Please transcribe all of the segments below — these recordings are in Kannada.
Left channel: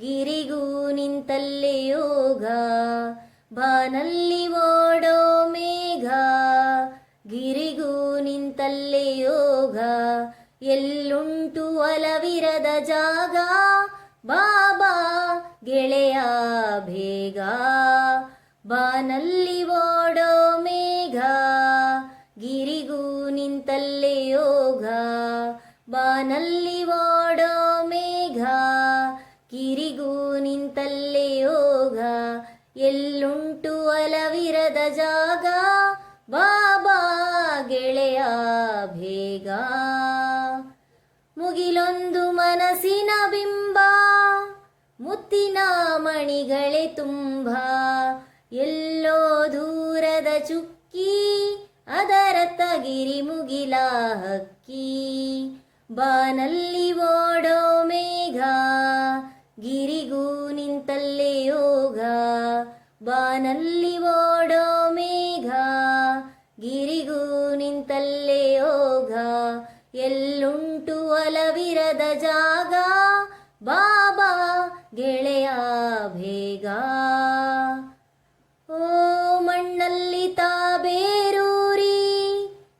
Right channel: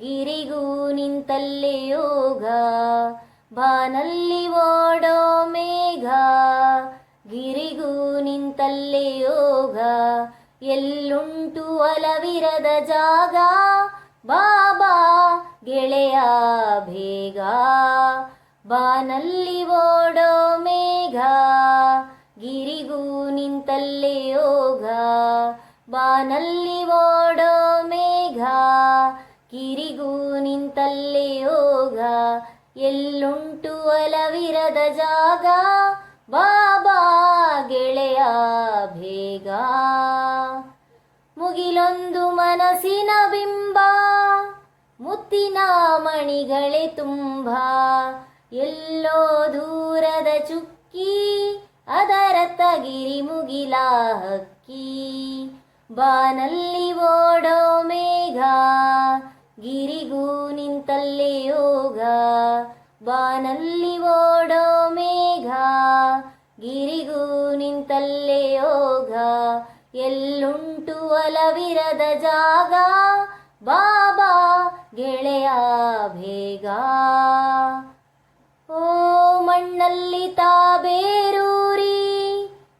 ಗಿರಿಗೂ ನಿಂತಲ್ಲೇ ಯೋಗ. ಬಾನಲ್ಲಿ ಓಡೋ ಮೇಘ, ಗಿರಿಗೂ ನಿಂತಲ್ಲೇ ಯೋಗ. ಎಲ್ಲುಂಟು ಒಲವಿರದ ಜಾಗ, ಬಾಬಾ ಗೆಳೆಯ ಬೇಗ. ಬಾನಲ್ಲಿ ಓಡೋ ಮೇಘ, ಗಿರಿಗೂ ನಿಂತಲ್ಲೇ ಯೋಗ. ಬಾನಲ್ಲಿ ಓಡೋ ಮೇಘ, ಗಿರಿಗೂ ನಿಂತಲ್ಲೇ ಯೋಗ. ಎಲ್ಲುಂಟು ಒಲವಿರದ ಜಾಗ, ಬಾಬಾ ಗೆಳೆಯ ಬೇಗ. ಮುಗಿಲೊಂದು ಮನಸ್ಸಿನ ಬಿಂಬ, ಮುತ್ತಿನ ಮಣಿಗಳೇ ತುಂಬ. ಎಲ್ಲೋ ದೂರದ ಚುಕ್ಕಿ, ಅದರತ್ತ ಗಿರಿ ಮುಗಿಲ ಹಕ್ಕಿ. ಬಾನಲ್ಲಿ ಓಡೋ ಮೇಘ, ಗಿರಿಗೂ ನಿಂತಲ್ಲೇ ಯೋಗ. ಬಾನಲ್ಲಿ ಓಡೋ ಮೇಘ, ಗಿರಿಗೂ ನಿಂತಲ್ಲೇ ಯೋಗ. ಎಲ್ಲುಂಟು ಒಲವಿರದ ಜಾಗ, ಬಾಬಾ ಗೆಳೆಯ ಬೇಗ. ಓ ಮಣ್ಣಲ್ಲಿ ತಾಬೇರೂರಿ,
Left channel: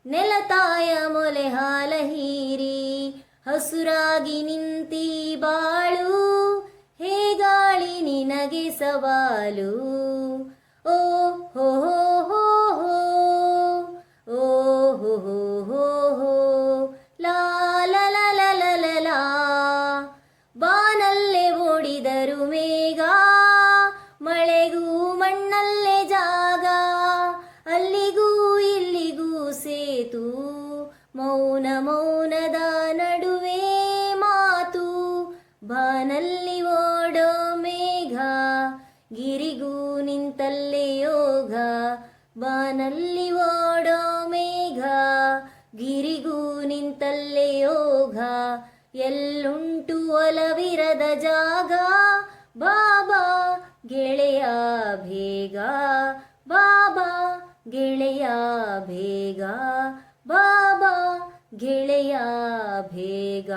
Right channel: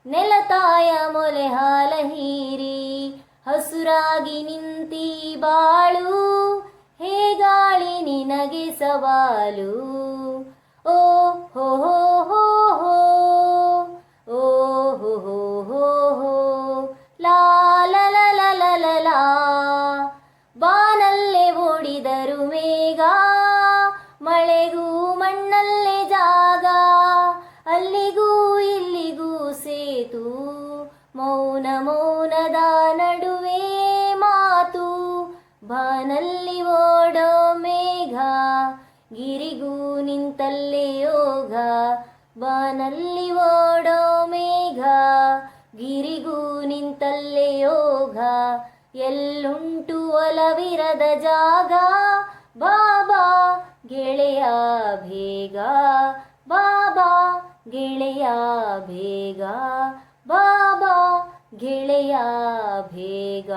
ನೆಲತಾಯ ಮೊಲೆ ಹಾಲ ಹೀರಿ. ಹಸುರಾಗಿ ನಿಂತಿ ಬಾಳು, ಹೇಗಾಳಿ ನಿನಗೆ ಸವಾಲು. ಓ ಹೋ ಹೋ ಹೋ, ಓ ಹೋ ಹೋ ಹೋ, ಲಾ ಲ ಲ ಲ ಲ ಲ ಲಾ. ಬಾನಲ್ಲೇ ಓಡಿದರು ಮೇಘ, ಮಳೆಗೂ ಮಣ್ಣಲ್ಲೇ ಜಾಗ. ಅಲ್ಲಿಗೂ ಇಲ್ಲಿಗೂ ಸೇತು, ಮೌನ ಮೌನದ ನಡುವೆ ಮಾತು. ಬಾನಲ್ಲಿ ಓಡೋ ಮೇಘ, ಗಿರಿಗೂ ನಿಂತಲ್ಲೇ ಯೋಗ. ಬಾನಲ್ಲಿ ಓಡೋ ಮೇಘ, ಗಿರಿಗೂ ನಿಂತಲ್ಲೇ ಯೋಗ. ಎಲ್ಲುಂಟು ಒಲವಿರದ ಜಾಗ, ಬಾಬಾ ಗೆಳೆಯ ಬೇಗ. ಬಾಬಾ ಗೆಳೆಯ ಬೇಗ, ಬಾಬಾ ಗೆಳೆಯ ಬೇಗ.